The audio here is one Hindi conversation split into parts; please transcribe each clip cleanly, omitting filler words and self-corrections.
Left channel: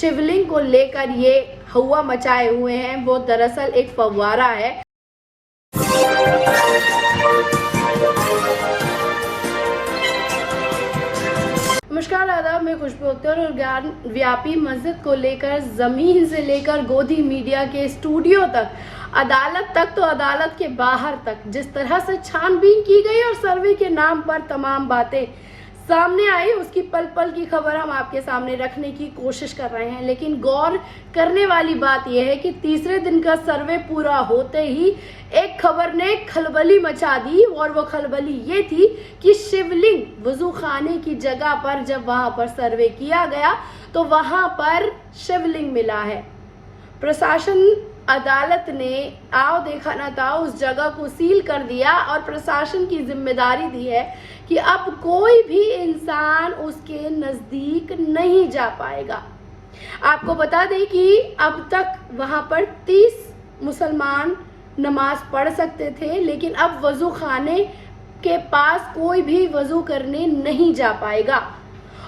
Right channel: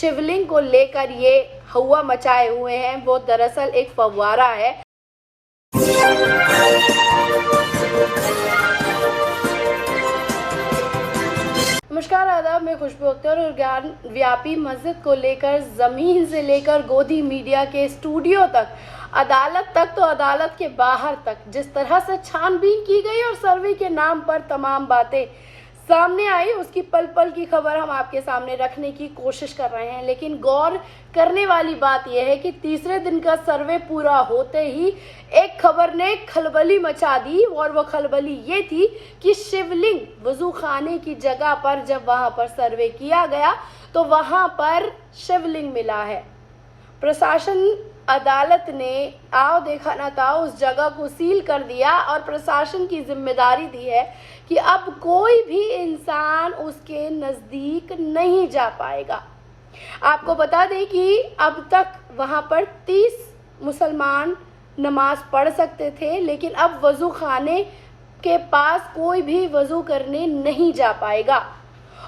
शिवलिंग को लेकर ये हवा मचाए हुए हैं वो दरअसल एक फव्वारा है। नमस्कार, आदाब, मैं खुशबू अख्तर और ज्ञान व्यापी मस्जिद को लेकर ज़मीन से लेकर गोदी मीडिया के स्टूडियो तक, अदालत तक, तो अदालत के बाहर तक जिस तरह से छानबीन की गई और सर्वे के नाम पर तमाम बातें सामने आई, उसकी पल पल की खबर हम आपके सामने रखने की कोशिश कर रहे हैं। लेकिन गौर करने वाली बात यह है कि तीसरे दिन का सर्वे पूरा होते ही एक खबर ने खलबली मचा दी, और वो खलबली ये थी कि शिवलिंग वजू खाने की जगह पर जब वहां पर सर्वे किया गया तो वहां पर शिवलिंग मिला है। प्रशासन अदालत ने आओ देखा ना था उस जगह को सील कर दिया और प्रशासन की जिम्मेदारी दी है कि अब कोई भी इंसान उसके नज़दीक नहीं जा पाएगा। आपको बता दें कि अब तक वहां पर 30 मुसलमान नमाज पढ़ सकते थे, लेकिन अब वजू खाने के पास कोई भी वजू करने नहीं जा पाएगा।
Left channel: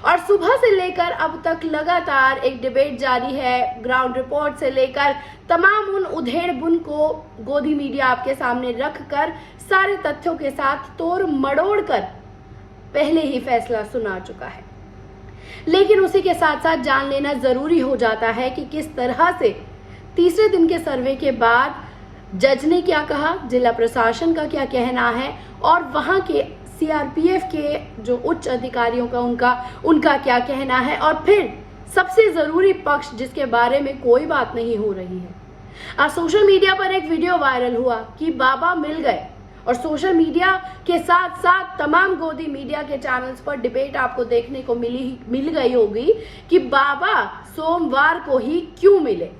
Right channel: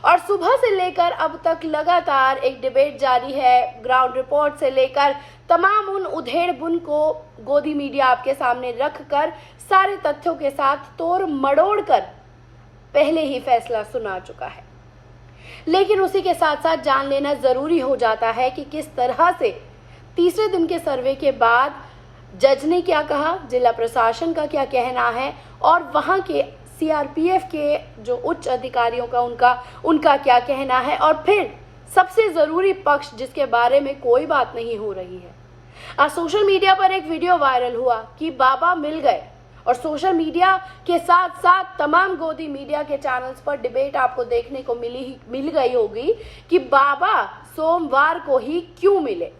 और सुबह से लेकर अब तक लगातार एक डिबेट जारी है। ग्राउंड रिपोर्ट से लेकर तमाम उन उधेड़-बुन को गोदी मीडिया आपके सामने रखकर सारे तथ्यों के साथ तोड़ मड़ोड़ कर पहले ही फैसला सुना चुका है। लेकिन उसी के साथ साथ जान लेना जरूरी हो जाता है कि किस तरह से तीसरे दिन के सर्वे के बाद जज ने क्या कहा, जिला प्रशासन का क्या कहना है और वहां के सीआरपीएफ के जो उच्च अधिकारियों का उनका क्या कहना है, और फिर सबसे जरूरी पक्ष जिसके बारे में कोई बात नहीं हो रही है। आज सोशल मीडिया पर एक वीडियो वायरल हुआ कि बाबा मिल गए, और सोशल मीडिया के साथ साथ तमाम गोदी मीडिया के चैनल्स पर डिबेट आपको देखने को मिल गई होगी कि बाबा सोमवार को ही क्यों मिले।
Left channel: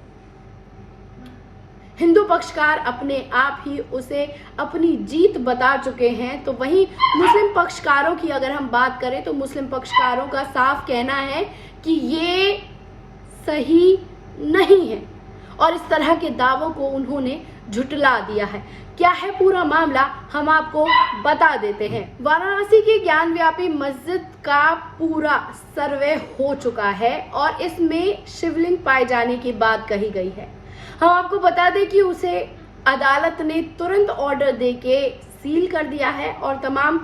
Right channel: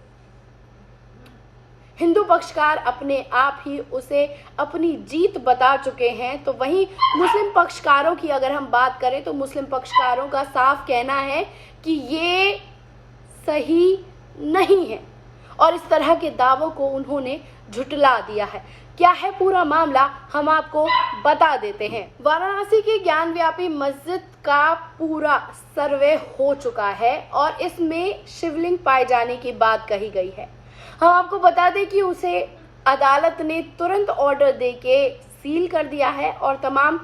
हिंदू पक्षकार अपने आप ही उसे अपनी जीत बता चुके हैं, तो वहीं मुस्लिम पक्षकारों की अगर हम बात करें तो मुस्लिम पक्षकारों का साफ कहना है कि ये सही नहीं है और इस तरह के दावों को उन्होंने झुटला दिया है। क्या है पूरा मामला, हम आपको बता देते हैं। वाराणसी की ज्ञान व्यापी मस्जिद का पूरा सर्वे हो चुका है और इसमें शिवलिंग पाए जाने की बात कही गई है। हम आपको बता दें कि उसे अदालत ने तुरंत ऑर्डर देके सील कर दिया है और तमाम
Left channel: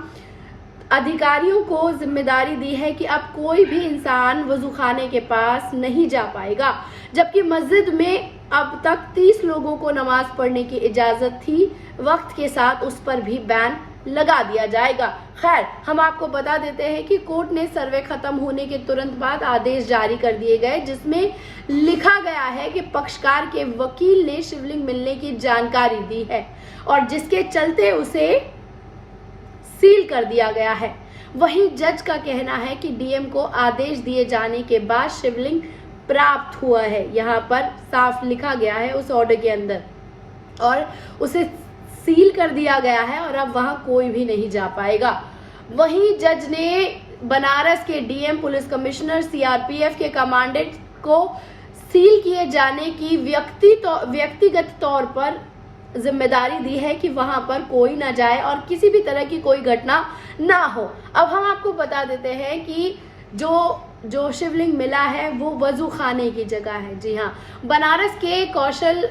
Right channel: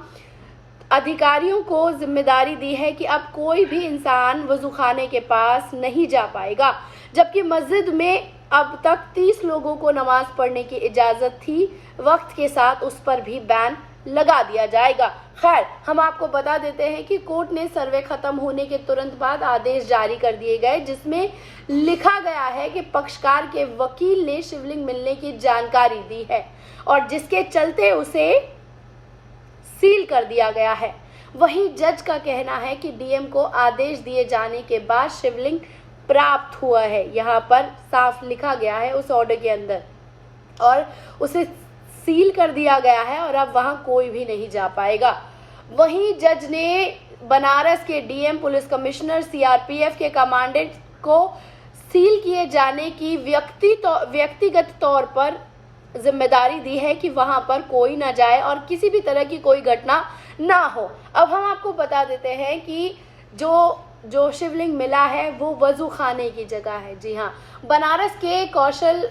अधिकारियों को जिम्मेदारी दी है कि अब कोई भी इंसान वजू खाने के पास नहीं जा पाएगा। जबकि मस्जिद में अब तक 30 लोगों को नमाज पढ़ने की इजाजत थी, वक्त के साथ उस पर भी बैन लगा दिया जाएगा। खैर, हम आपको बता देते हैं कि कोर्ट ने सर्वे खत्म होने के तुरंत बाद आदेश जारी कर दिए गए, जिसमें लिखा गया है कि पक्षकार के वकील ने शिवलिंग मिलने की जानकारी दी है और जिसके चलते उसे सील कर दिया गया है। वहीं जज का कहना है कि डीएम को आदेश दिए जाने के बाद शिवलिंग प्राप्त हुआ है। यहाँ पर साफ लिखा गया है उस ऑर्डर के अंदर, और उसे सील कर दिया गया है और अब वहां कोई भी नहीं जा पाएगा। वहीं जज ने बनारस के डीएम, पुलिस कमिश्नर, सीआरपीएफ के कमांडेंट को सील किए जाने की व्यक्तिगत तौर पर जिम्मेदारी दी है कि वहां पर कोई ना जाए और किसी भी तरह की कोई घटना ना हो। अब हम आपको बता देते हैं कि जो शिवलिंग मिला है वो वजू खाने की जगह है। जी हाँ, बनारस के कौशल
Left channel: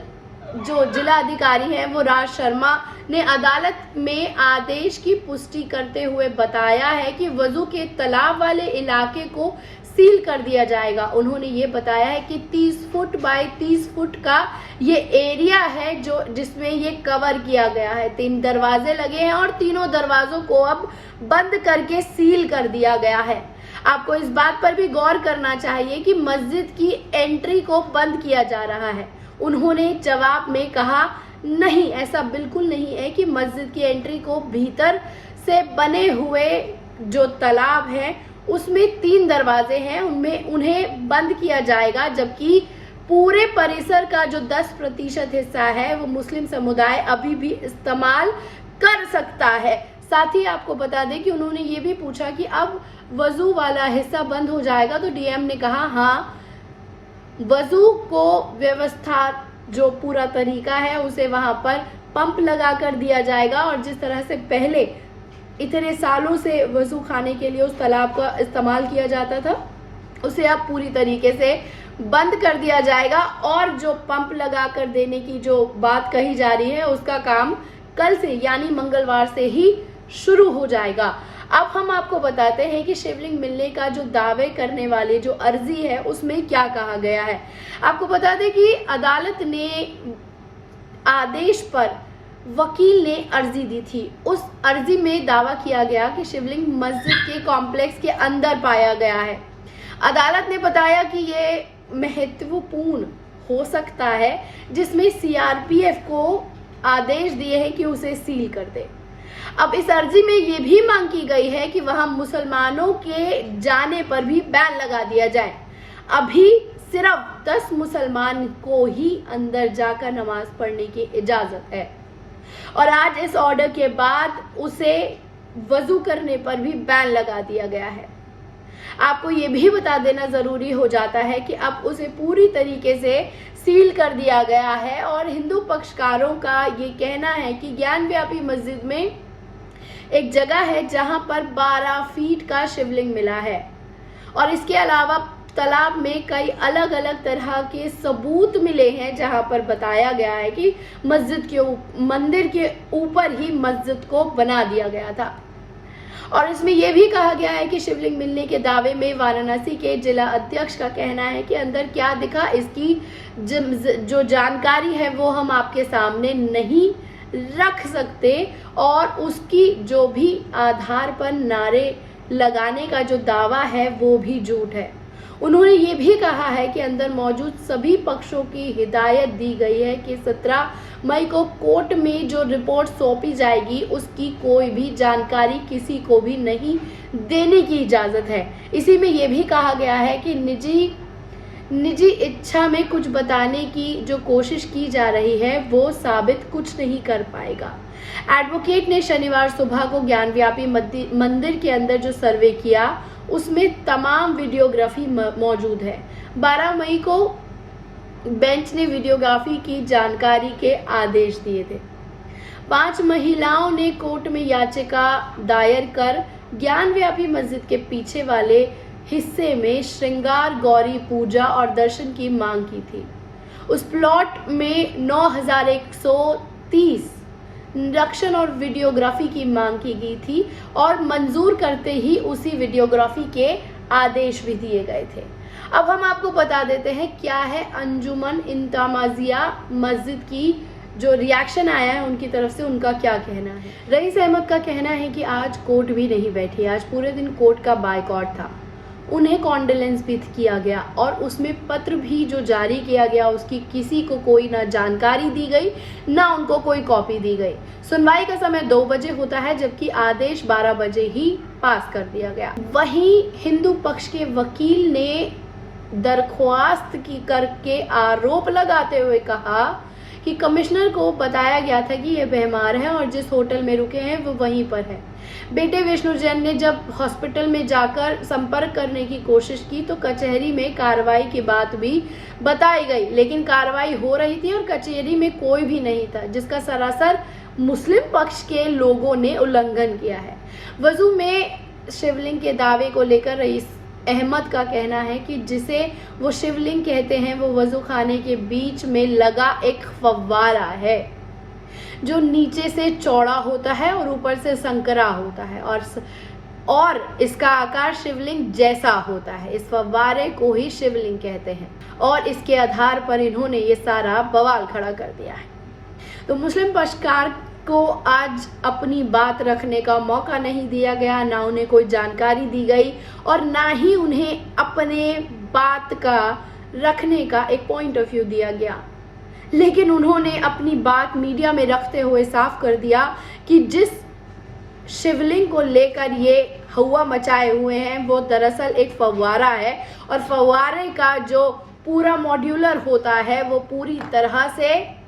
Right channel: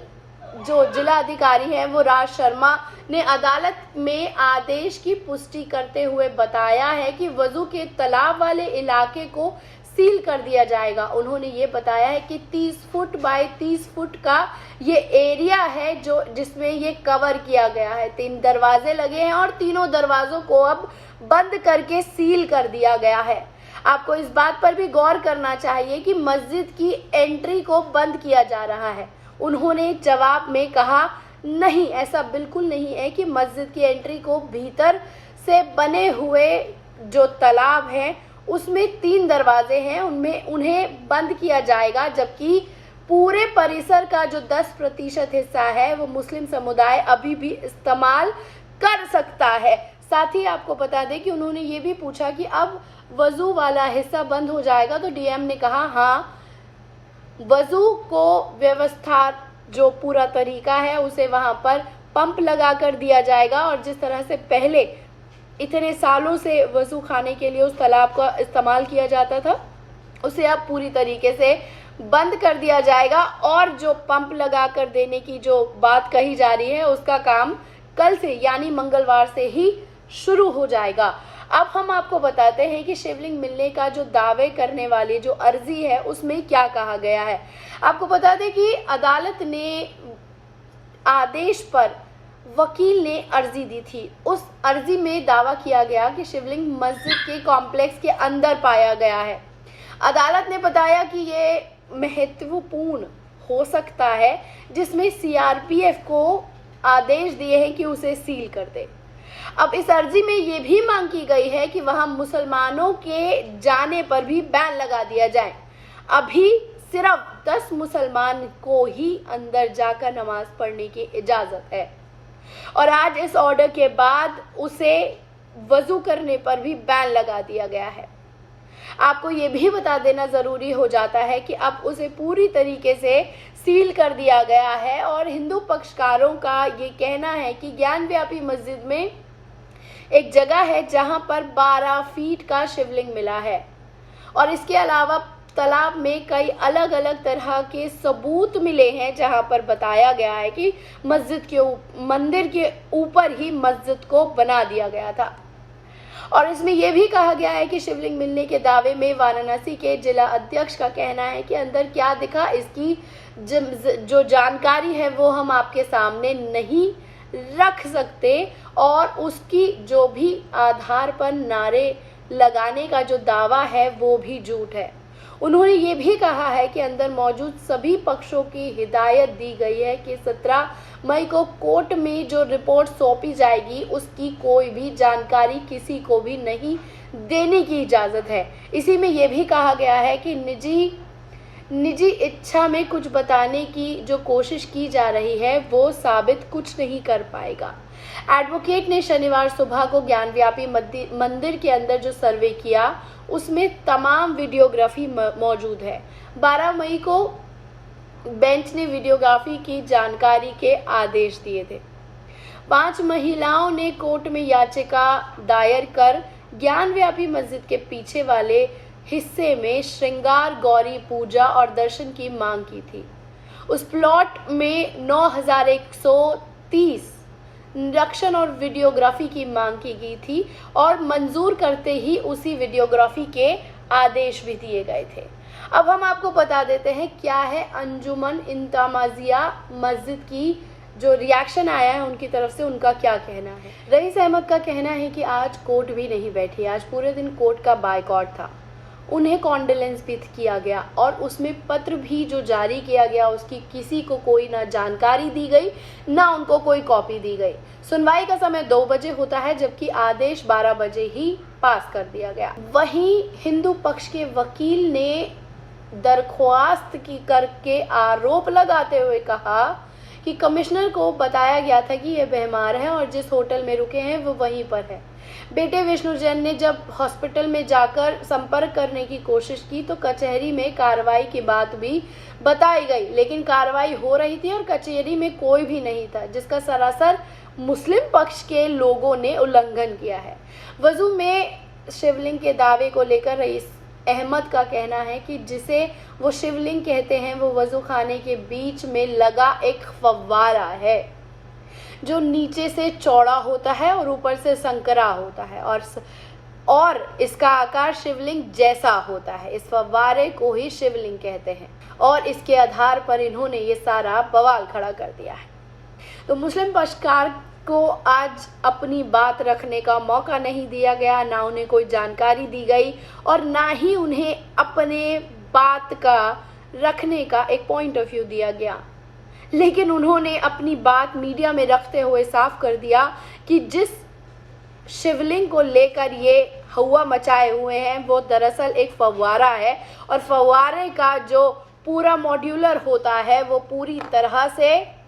जो जिला अधिकारी हैं वो राज शर्मा ने अदालत में आदेश की पुष्टि करते हुए बताया है कि वजू के तालाब वाले इलाके को सील कर दिया जाएगा। उन्होंने ये बताया है कि 30 फुट बाय 30 फुट का ये एरिया है जिसमें ये कवर किया गया है। 3 दरवाजे लगे हैं और तीनों दरवाजों को अब बंद करके सील कर दिया गया है। आपको इस बात पर भी गौर करना चाहिए कि मस्जिद की एंट्री को बंद किया जा रहा है। उन्होंने जवाब में कहा, नहीं, ऐसा बिल्कुल नहीं है कि मस्जिद की एंट्री को भीतर से बने हुए जो तालाब है उसमें 3 दरवाजे हैं, उन्हें बंद किया जाएगा, जबकि पूरे परिसर का जो 10% हिस्सा है वो मुस्लिम समुदाय अभी भी इस्तेमाल कर सकता है। साथ ही आपको बता दें कि उन्होंने ये भी पूछा कि अब वजू वाला हिस्सा बंद हो जाएगा, तो डीएम ने कहा हाँ, वजू को व्यवस्था जो पूरा तरीका है उसे वहां पर पंप लगा कर दिया जाएगा और जिस तरह से पहले इतने सालों से वजू खाने के लिए उस तालाब का इस्तेमाल किया जाता था उसे अब पूरी तरीके से बंद कर दिया जाएगा और जो पंप लगा कर देने की जो बात कही जा रही है उसका काम कल से यानी मंगलवार से ही शुरू हो जाएगा। अब हम आपको बताते हैं कि शिवलिंग मिलने का जो दावे करने वाली जो अर्जी है उसमें क्या कहा गया है। आपको बता दें कि अदालत ने आदेश पर वकील ने अर्जी दी थी। उस अर्जी में दावा किया गया कि शिवलिंग मस्जिद के कॉम्प्लेक्स के अंदर पाया गया है। अदालत ने बताया कि ये महत्वपूर्ण हो सकता है जिसमें सीआरपीएफ को आदेश दिए हैं कि उसे सील कर दे। अब इस अर्जी में ये भी मांग की गई है कि वहां मुसलमानों के जाने पर भी बैन लगा दिया जाए। अभी सिर्फ 10 मुसलमान को ही अंदर जाकर नमाज पढ़ने की इजाजत है और आज इस ऑर्डर के बाद उसे वजू करने पर भी बैन लगा दिया गया है। आपको ये भी बता देना जरूरी हो जाता है कि अब उसे पूरी तरीके से सील कर दिया गया है और हिंदू पक्षकारों का ये कहना है कि ज्ञानव्यापी मस्जिद में एक जगह है जहां पर 12 फीट का शिवलिंग मिला है और इसके अलावा तालाब में कई अलग अलग तरह के सबूत मिले हैं जहां पर बताया गया है कि मंदिर के ऊपर ही मस्जिद को बना दिया गया था। और इसमें यह भी कहा गया है कि शिवलिंग मिलने के दावे में वाराणसी के जिला अध्यक्ष का कहना है कि अंदर क्या दिखा इसकी जो जानकारी है वो हम आपके सामने नहीं रख सकते और उसकी जो भी आधार पर नारे लगाने का जो दावा है वो भी झूठ है। उन्होंने ये भी कहा है कि अंदर मौजूद सभी पक्षों की हिदायत दी गई है कि 17 मई को कोर्ट में जो रिपोर्ट सौंपी जाएगी उसकी कोई भी जानकारी किसी को भी नहीं देने की इजाजत है। इसी में यह भी कहा गया है कि निजी इच्छा में कुछ बताने की जो कोशिश की जा रही है वो साबित कुछ नहीं कर पाएगा। एडवोकेट ने शनिवार सुबह को ज्ञानव्यापी मंदिर के अंदर जो सर्वे किया उसमें तमाम वीडियोग्राफी मौजूद है। 12 मई को बेंच ने वीडियोग्राफी की जानकारी के आदेश दिए थे। 5 महिलाओं ने कोर्ट में याचिका दायर कर ज्ञानव्यापी मस्जिद के पीछे वाले हिस्से में श्रृंगार गौरी पूजा और दर्शन की मांग की थी। उस प्लॉट में 9130 निरीक्षण और वीडियोग्राफी की मांग की गई थी और मंजूर करते ही उसी वीडियोग्राफी के आदेश भी दिए गए थे। अब हम आपको बता देते हैं क्या है अंजुमन इंतमाजिया मस्जिद की जो रिएक्शन आया है उनकी तरफ से, उनका क्या कहना है। रईस अहमद का कहना है कि आज कोर्ट भी नहीं बैठी, आज पूरे दिन कोर्ट का बायकॉट था। उन्हें कॉन्डोलेंस भी किया गया और उसमें पत्र भी जो जारी किया गया उसकी किसी को कोई ना जानकारी दी गई ना उनको कोई कॉपी दी गई। सुनवाई का समय 2 बजे होता है जबकि आदेश 12 बजे ही पास कर दिया गया। वहीं हिंदू पक्ष के वकील ने दरख्वास्त की करके आरोप लगाते हुए कहा कि कमिश्नर को बताया गया था कि ये बीमार है और जिस होटल में रुके हैं वो वहीं पर है। बेटे विष्णु जैन ने जब हॉस्पिटल में जाकर संपर्क करने की कोशिश की तो कचहरी में कार्रवाई की बात भी बताई गई, लेकिन कार्रवाई हो रही थी और कचहरी में कोई भी नहीं था, जिसका सरासर मुस्लिम पक्ष के लोगों ने उल्लंघन किया है। वजू में शिवलिंग के दावे को लेकर रईस अहमद का कहना है कि जिसे वो शिवलिंग कहते हैं वो वजू खाने के बीच में लगा एक फव्वारा है जो नीचे से चौड़ा होता है और ऊपर से संकरा होता है और इसका आकार शिवलिंग जैसा होता है। इस फव्वारे को ही शिवलिंग कहते हैं और इसके आधार पर इन्होंने ये सारा बवाल खड़ा कर दिया है। तो मुस्लिम पक्षकार को आज अपनी बात रखने का मौका नहीं दिया गया, ना उन्हें कोई जानकारी दी गई और ना ही उन्हें अपने बात का रखने का एक पॉइंट ऑफ व्यू दिया गया। लेकिन उन्होंने अपनी बात मीडिया में रखते हुए साफ कर दिया कि जिस शिवलिंग को लेकर ये हवा मचाए हुए हैं वो दरअसल एक फव्वारा है और फव्वारे का जो पूरा मॉड्यूलर होता है वो पूरी तरह से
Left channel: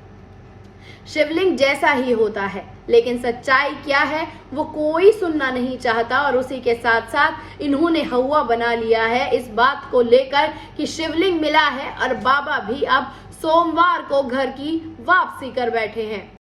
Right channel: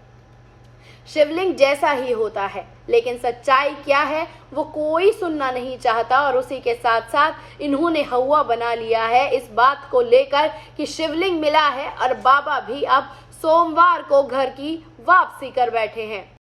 शिवलिंग जैसा ही होता है, लेकिन सच्चाई क्या है वो कोई सुनना नहीं चाहता और उसी के साथ साथ इन्होंने हवा बना लिया है इस बात को लेकर कि शिवलिंग मिला है और बाबा भी अब सोमवार को घर की वापसी कर बैठे हैं।